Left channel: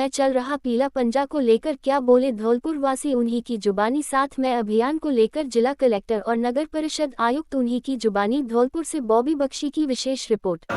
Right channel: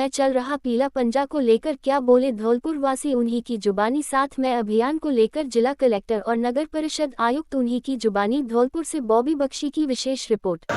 में चल रहा पीला पंजा को लेकर क्या बोले धौलपुर वासी, उन्हीं की जुबानी। साथ में अभियान को लेकर जिला कलेक्टर और नगर परिषद आयुक्त उन्हीं की जुबानी। धौलपुर से बॉबी बख्शी की विशेष रिपोर्ट।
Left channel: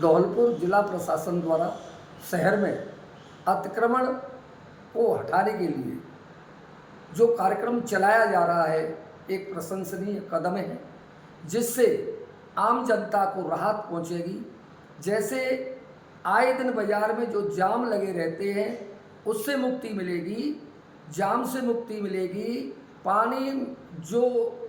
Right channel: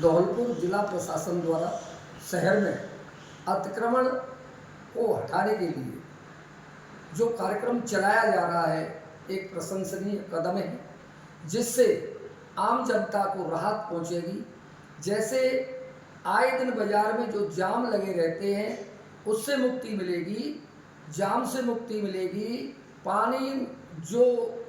धौलपुर जिला प्रशासन द्वारा शहर में अतिक्रमण को हटाने के लिए जो कार्यक्रम चलाया जा रहा है एक प्रशंसनीय कदम है, जिससे आम जनता को राहत पहुंचेगी। जैसे आए दिन बाजार में जो जाम लगे रहते हैं उससे मुक्ति मिलेगी, जाम से मुक्ति मिलेगी। पानी जो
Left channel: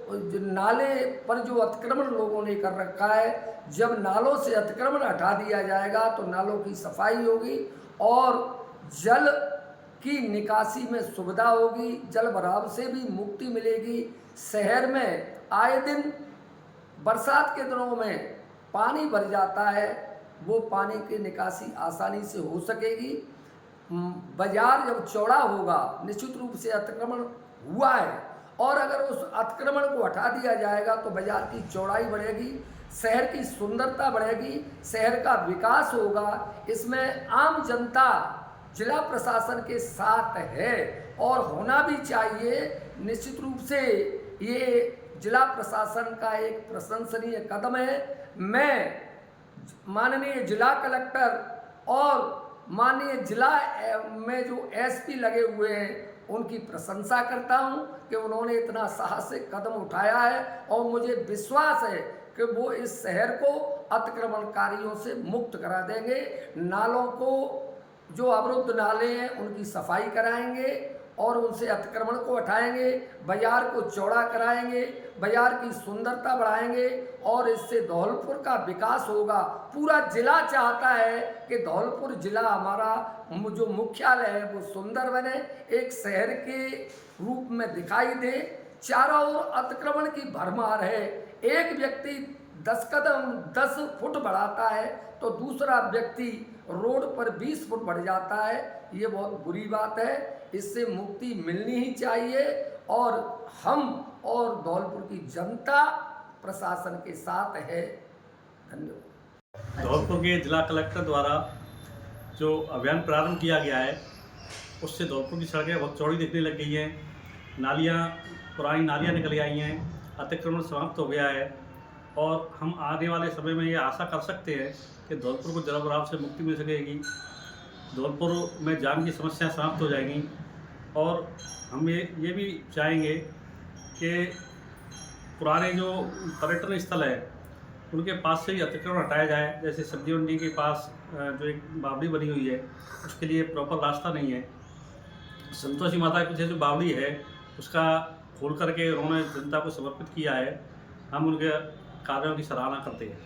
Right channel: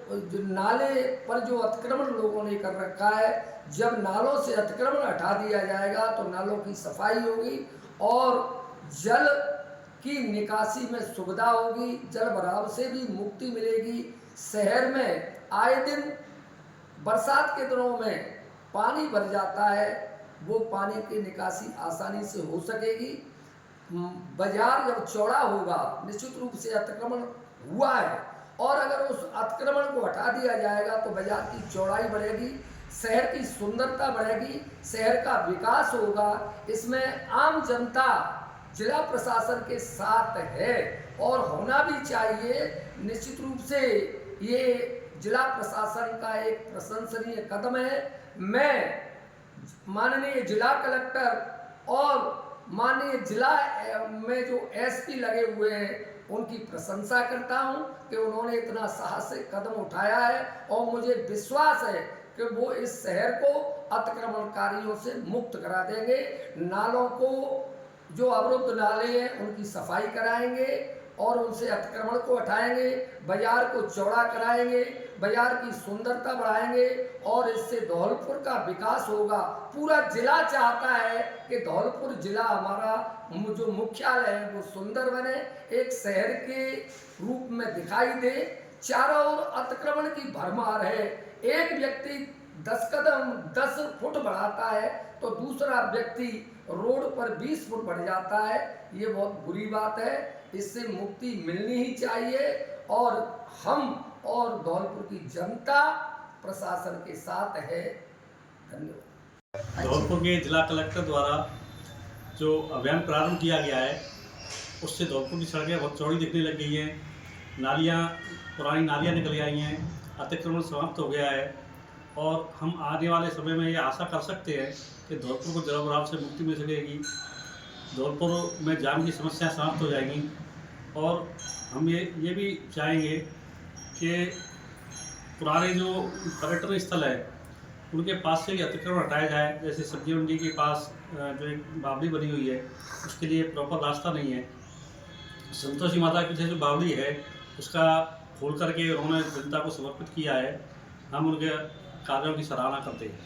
नाले पर जो अतिक्रमण लोगों ने कर रखा है, जब नालों से अतिक्रमण हटा दिया जाएगा तो नालों की सफाई होगी और जल की निकासी में सुविधा होगी, जल भराव से भी मुक्ति मिलेगी। शहर में आए दिन बरसात के दिनों में पानी भर जाता है, वो पानी की निकासी आसानी से हो सकेगी। बाजार जब चौड़ा होगा, निश्चित रूप से अतिक्रमण हुआ है और अगर उस अतिक्रमण को हटा दिया जाएगा तो बाजार की चौड़ाई बढ़ेगी, शहर की सुंदरता बढ़ेगी, शहर का विकास होगा। इसमें आम जनता जिला प्रशासन के साथ है और होना भी चाहिए। निश्चित रूप से ये जिला प्रशासन का एक प्रशंसनीय कदम है। मैं माननीय जिला कलेक्टर और माननीय जिला में जो एसपी लगे हुए हैं उनकी प्रशंसा करता हूं कि उन्होंने इतना साहसिक कदम उठाया है और मुझे विश्वास है कि वो इस शहर को अतिक्रमणकारियों से मुक्त करा देंगे। नालों को जो अवरुद्ध नाले हैं उनकी सफाई कराएंगे और उनसे अतिक्रमण को हटाएंगे, बाजार को चौड़ा कराएंगे, बाजार की सुंदरता बढ़ाएंगे और इससे धौलपुर का विकास होगा। पूरा जिला चाहता है कि धौलपुर जिला हमारा जो मुख्यालय है वो सुंदर बने, एक शहर के रूप में दिखाई दे। चारों ओर अतिक्रमण की भरमार है, एक व्यक्ति 10 फुट बढ़ाता है तो दूसरा व्यक्ति रोड पर 20 फुट बढ़ जाता है। ये बहुत बुरी बात है, इससे मुक्ति मिलनी ही चाहिए और हम और धौलपुर की जनता प्रशासन के साथ है। धन्यवाद। धौलपुर के जिला कलेक्टर द्वारा जो अभियान प्रारंभ किया गया है उससे धौलपुर की सड़कें बहुत चौड़ी दिखने लग गई हैं, नालियाँ पुरानी नालियाँ निकल आई हैं, अतिक्रमण समाप्त हो गया है और हम आने वाले समय में ये आशा कर सकते हैं कि धौलपुर को जल भराव से मुक्ति मिल सकेगी, धौलपुर में जाम की समस्याएं समाप्त हो जाएंगी और हम ये भी चाहेंगे कि पुराने जो पर्यटन स्थल है उनके पास से ही अतिक्रमण हटाया जाए। जैसे सब्जी मंडी के पास जो एक बावड़ी बनी हुई है उसके लिए प्रॉपर रास्ता नहीं है। संतोषी माता के पीछे जो बावड़ी है उसका खोल करके उन्होंने जनता को समर्पित किया है। हम उनके कार्यों की सराहना करते हैं।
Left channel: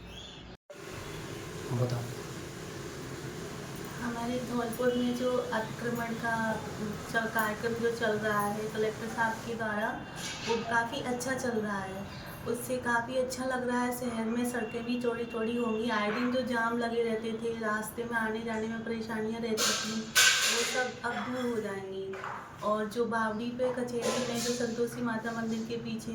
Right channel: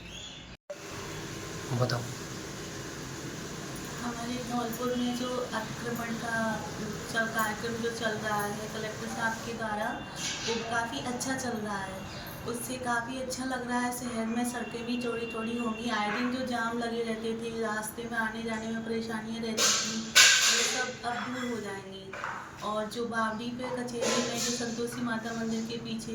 बताओ। हमारे धौलपुर में जो अतिक्रमण का कार्यक्रम जो चल रहा है कलेक्टर साहब के द्वारा, वो काफ़ी अच्छा चल रहा है। उससे काफ़ी अच्छा लग रहा है। शहर में सड़कें भी चौड़ी चौड़ी होंगी। आए दिन जो जाम लगे रहते थे, रास्ते में आने जाने में परेशानियां रहती थी, वो सब अब दूर हो जाएंगी। और जो बावड़ी पे कचहरी में जो संतोषी माता मंदिर के पीछे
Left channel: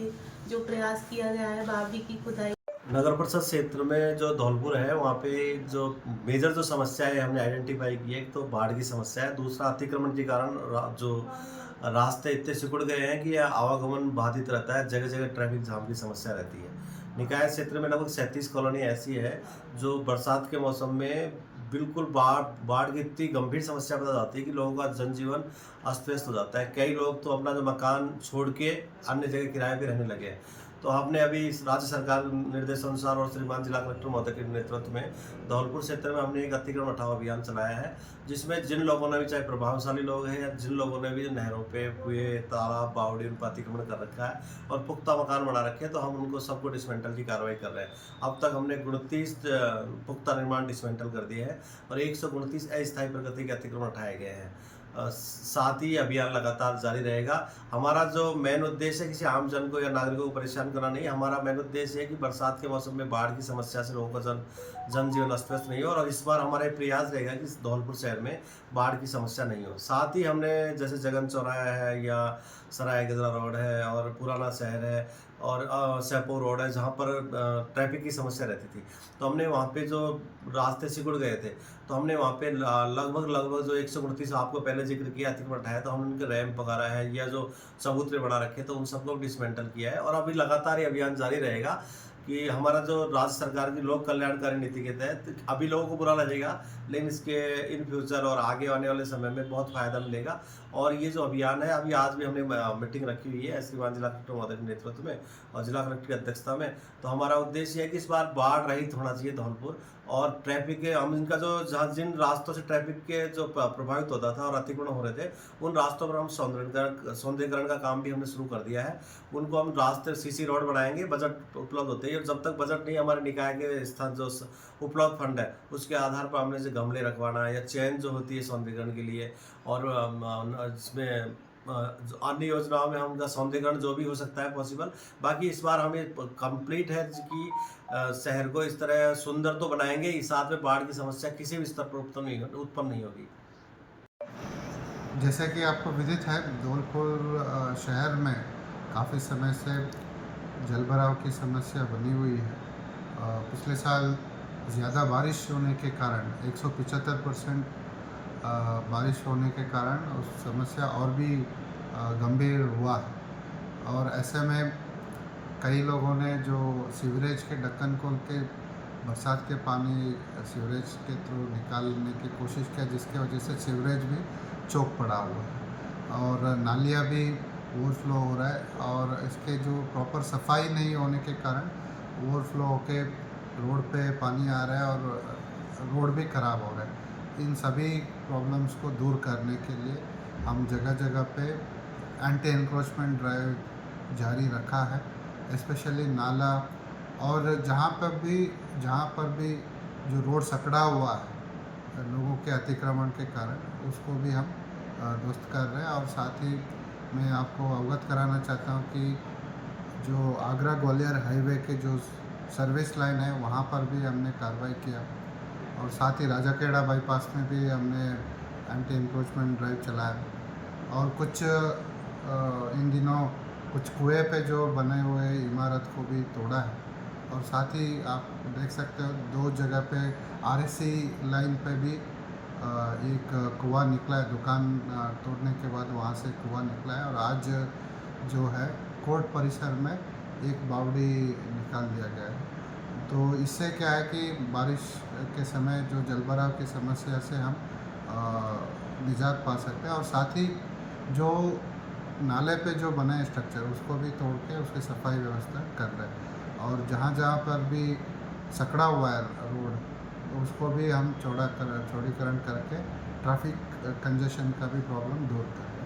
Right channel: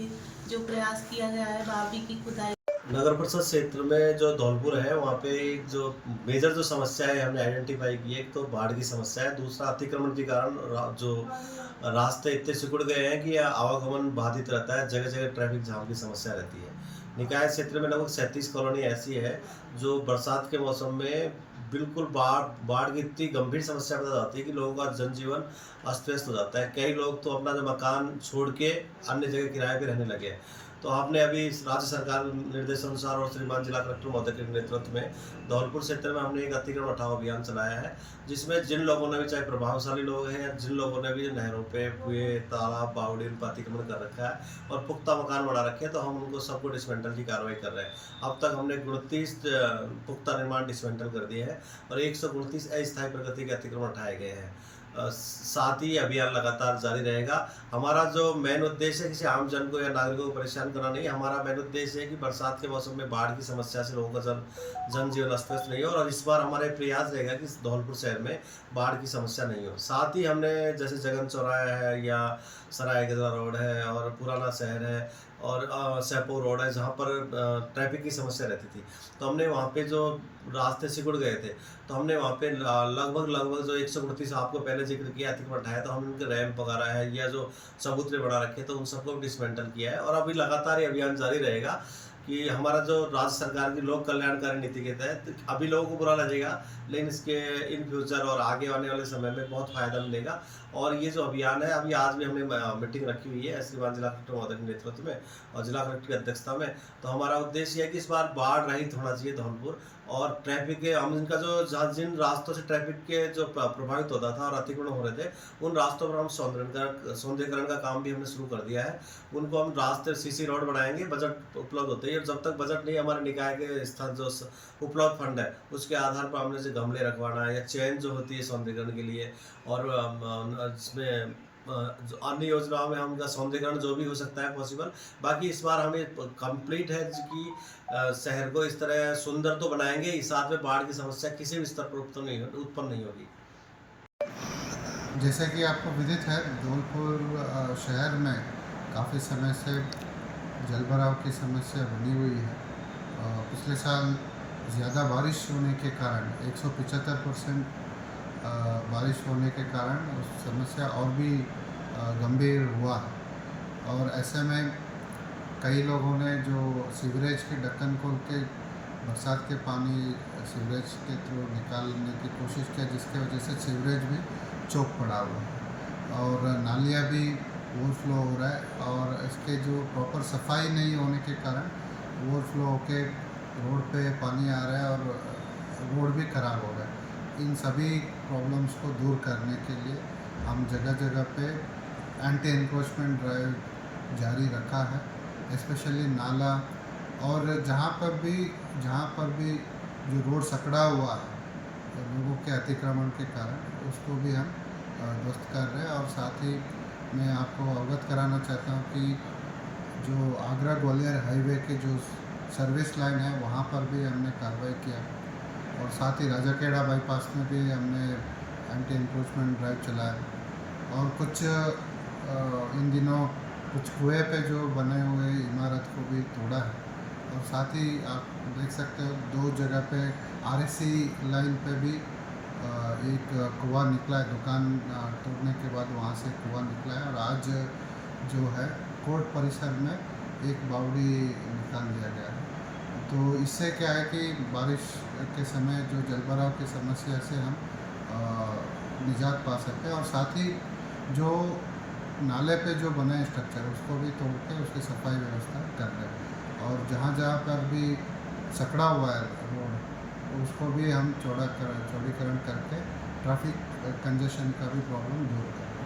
जो प्रयास किया गया है बावड़ी की खुदाई, नगर परिषद क्षेत्र में जो धौलपुर है वहाँ पे जो मेजर जो समस्या है हमने आइडेंटिफाई की है, एक तो बाढ़ की समस्या है, दूसरा अतिक्रमण के कारण जो रास्ते इतने सिकुड़ गए हैं कि आवागमन बाधित रहता है, जगह जगह ट्रैफिक जाम की समस्या रहती है। निकाय क्षेत्र में लगभग 37 कॉलोनी ऐसी है जो बरसात के मौसम में बिल्कुल बाढ़ की इतनी गंभीर समस्या बता जाती है कि लोगों का जनजीवन अस्त व्यस्त हो जाता है। कई लोग तो अपना जो मकान छोड़ के अन्य जगह किराए पे रहने लगे हैं। तो आपने अभी इस राज्य सरकार निर्देशानुसार और श्रीमान जिला कलेक्टर महोदय के नेतृत्व में धौलपुर क्षेत्र में हमने एक अतिक्रमण हटाओ अभियान चलाया है, जिसमें जिन लोगों ने भी, चाहे प्रभावशाली लोग हैं या जिन लोगों ने भी नहरों पे, कुएं, तालाब, बावड़ी उन पर अतिक्रमण कर रखा है और पुख्ता मकान बना रखे हैं, तो हम उनको सबको डिसमेंटल की कार्रवाई कर रहे हैं। अब तक हमने 29 पुख्ता निर्माण डिसमेंटल कर दिए हैं और 129 अस्थायी प्रकृति के अतिक्रमण हटाए गए हैं। साथ ही अभियान लगातार जारी रहेगा। हमारा जो मेन उद्देश्य है किसी आम जन को या नागरिकों को परेशान करना नहीं, हमारा मेन उद्देश्य है कि बरसात के मौसम में बाढ़ की समस्या से लोगों का जनजीवन अस्त व्यस्त नहीं हो, और इस बार हमारा प्रयास रहेगा कि धौलपुर शहर में बाढ़ की समस्या नहीं हो। साथ ही हमने जैसे जगन चौराहा है या सराय गजरा रोड है और पुराना शहर है और सैपो रोड है, जहाँ पर ट्रैफिक की समस्या रहती थी, तो हमने वहाँ पे जो रास्ते सिकुड़ गए थे, तो हमने वहाँ पे लगभग जो 129 आपको पहले जिक्र किया अतिक्रमण हटाया, तो हमने उनके रैंप वगैरह है या जो चबूतरे बना रखे, तो उन सबको डिसमेंटल किया है। और अभी लगातार ये अभियान जारी रहेगा कि हमारा जो राज्य सरकार की लोक कल्याणकारी नीति के तहत अभी लोगों को बुरा लगेगा, लेकिन इसके इन फ्यूचर और आगे आने वाले समय में बहुत फ़ायदा मिलेगा। और ये जो अभियान है, अभी आज भी हमने मीटिंग रखी हुई है श्रीमान जिला कलेक्टर महोदय के नेतृत्व में और जिला कलेक्टर की अध्यक्षता में। तो हमारा उद्देश्य है कि इस बार बाढ़ रहित होना चाहिए धौलपुर, और ट्रैफिक के हम इनका जो जहाँ जिन रास्तों से ट्रैफिक के जो प्रभावित होता था और अतिक्रमण हो रहे थे, उन रास्तों पर हम सौंदर्यीकरण का काम भी हमने शुरू कर दिया है। उनको हम रास्ते सीसी रोड बनाएंगे, बजट उपलब्ध होते हैं, और जब तक बजट नहीं, हमारे निकाय के स्थान जो उपलब्ध फंड है उसके आधार पर हमने जैसे गमले रखवाना है या चेन जो होती है सौंदर्यीकरण के लिए, और इसमें अन्य योजनाओं में हम उनका सौंदर्यीकरण जो भी हो सकता है पॉसिबल। बाकी इस बार हमें कंप्लीट है कि शहर को इस तरह सुंदर तो बनाएंगे ही, साथ में बाढ़ की समस्या किसी भी स्तर पर उत्पन्न नहीं होगी। जैसे कि आपको विदित है, धौलपुर शहर में काफ़ी समय से जलभराव की समस्या बनी हुई है। पिछले साल ज़्यादा बारिश होने के कारण 175% बारिश होने के कारण उस समस्या और भी गंभीर हुआ है। और ऐसे में कई लोगों ने जो सीवरेज के ढक्कन खोल के बरसात के पानी सीवरेज के थ्रू निकालने की कोशिश किया, जिसके वजह से सीवरेज भी चौक पड़ा हुआ है और नालियाँ भी ओवरफ्लो हो रहा है, और इसके जो प्रॉपर सफाई नहीं होने के कारण ओवरफ्लो होके रोड पे पानी आ रहा है और रोड भी ख़राब हो रहा है। इन सभी प्रॉब्लम्स को दूर करने के लिए हम जगह जगह पे एंटी एनक्रोचमेंट ड्राइव जारी रखा है, स्पेशली नाला, और जहाँ पर भी जो रोड सकड़ा हुआ है लोगों के अतिक्रमण के कारण, उसको भी हम ध्वस्त कर रहे हैं। और साथ ही मैं आपको अवगत कराना चाहता हूँ कि जो आगरा ग्वालियर हाईवे के जो सर्विस लाइन है, वहाँ पर भी हमने कार्रवाई किया, और साथ ही राजाखेड़ा बाईपास में भी हमने एंटी एनक्रोचमेंट ड्राइव चलाया। और कुछ इन दिनों कुछ कुएं पे जो बने हुए इमारत को भी तोड़ा है, और साथ ही आप देख सकते हो 2 जगह पे RSC लाइन पे भी एक कुआं निकला है, दुकान तोड़ने के बाद वहाँ से कुआं निकला है। और आज जो है कोर्ट परिसर में एक बावड़ी निकाल दिया गया है। तो इससे क्या है कि बारिश के समय जो जलभराव की समस्या से हम निजात पा सकते हैं, और साथ ही जो नाले पे जो बने स्ट्रक्चर उसको भी तोड़ के उसकी सफाई व्यवस्था कर रहे हैं, और जहाँ पर भी सकड़ा हुआ है रोड, तो उसको भी हम चौड़ीकरण करके ट्रैफिक कंजेशन का भी प्रॉब्लम दूर कर रहे हैं।